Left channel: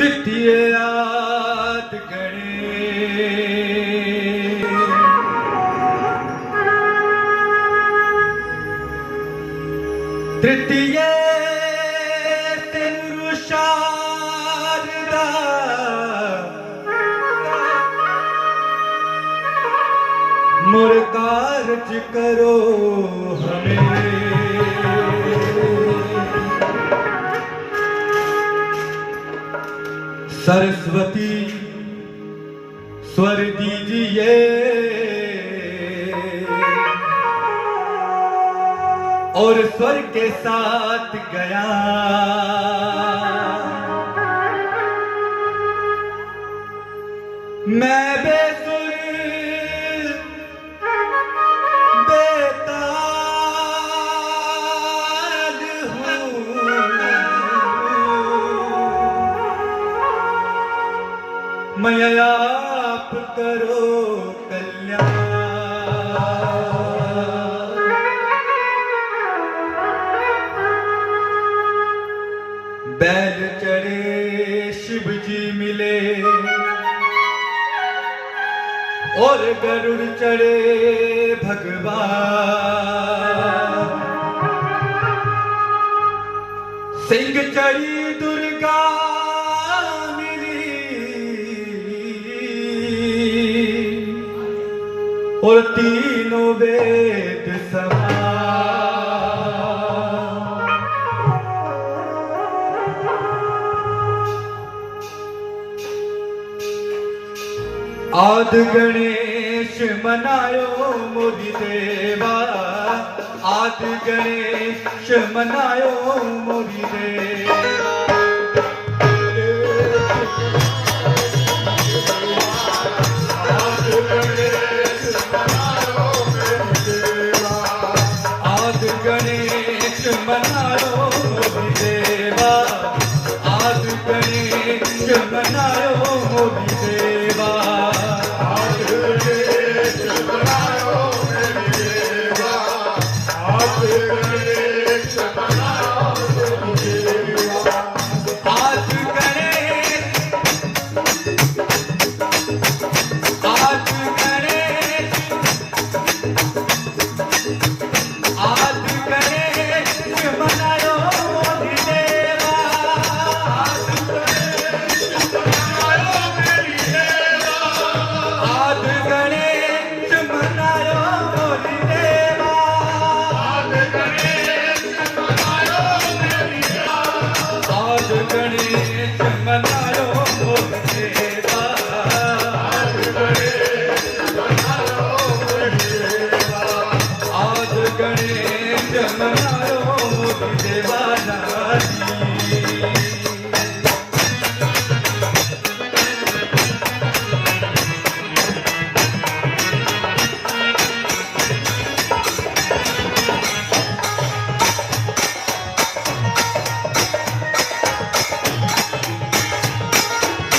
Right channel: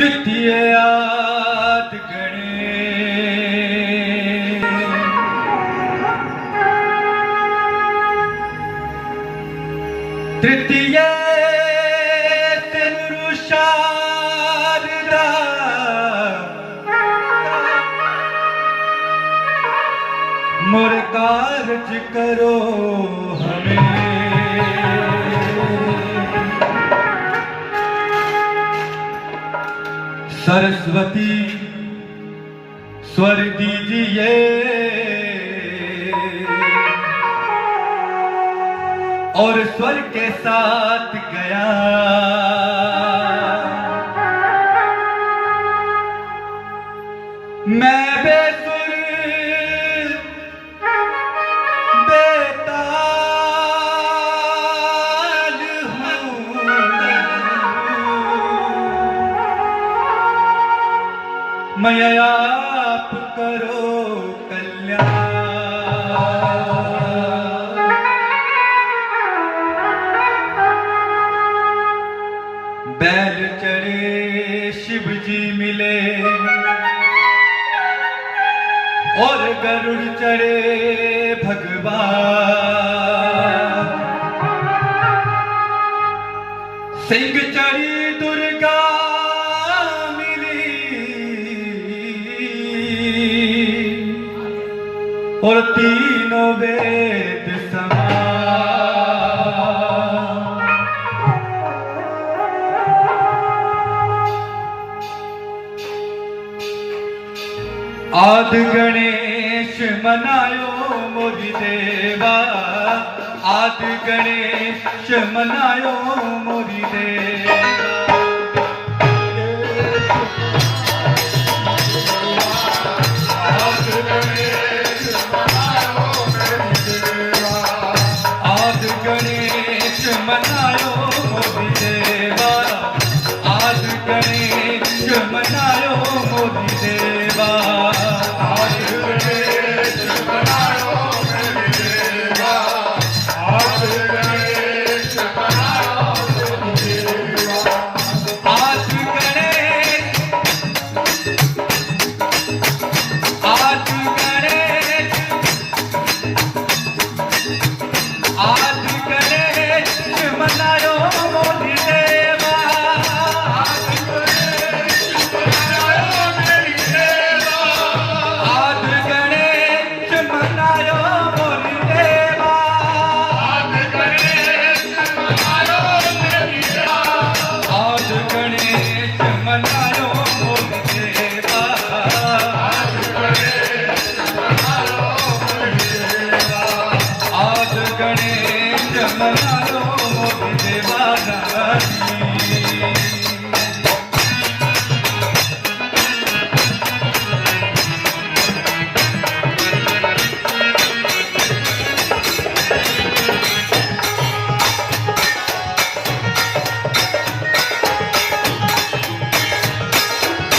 द्वितीय आद गणे तृतीय शारदा मोर कार्य करो हमें सरस्वती स्वर दीजिए और स्वर के साथ गया मैं बेसुर बेताल हूँ मैं आप करो कल्याण बैल चढ़े शिव जी मिले और गरुड़ चढ़े भगवान सिंह चढ़ी दुर्गा मिली और तीनों वेद समान आद गणेश मनायो मोहि देवा आद गणेश मनायो मोहि देवा आद गणेश मनायो मोहि देवा आद गणेश मनायो मोहि देवा आद गणेश मनायो मोहि देवा गणेश मनायो मोहि देवा आद गणेश मनायो मोहि देवा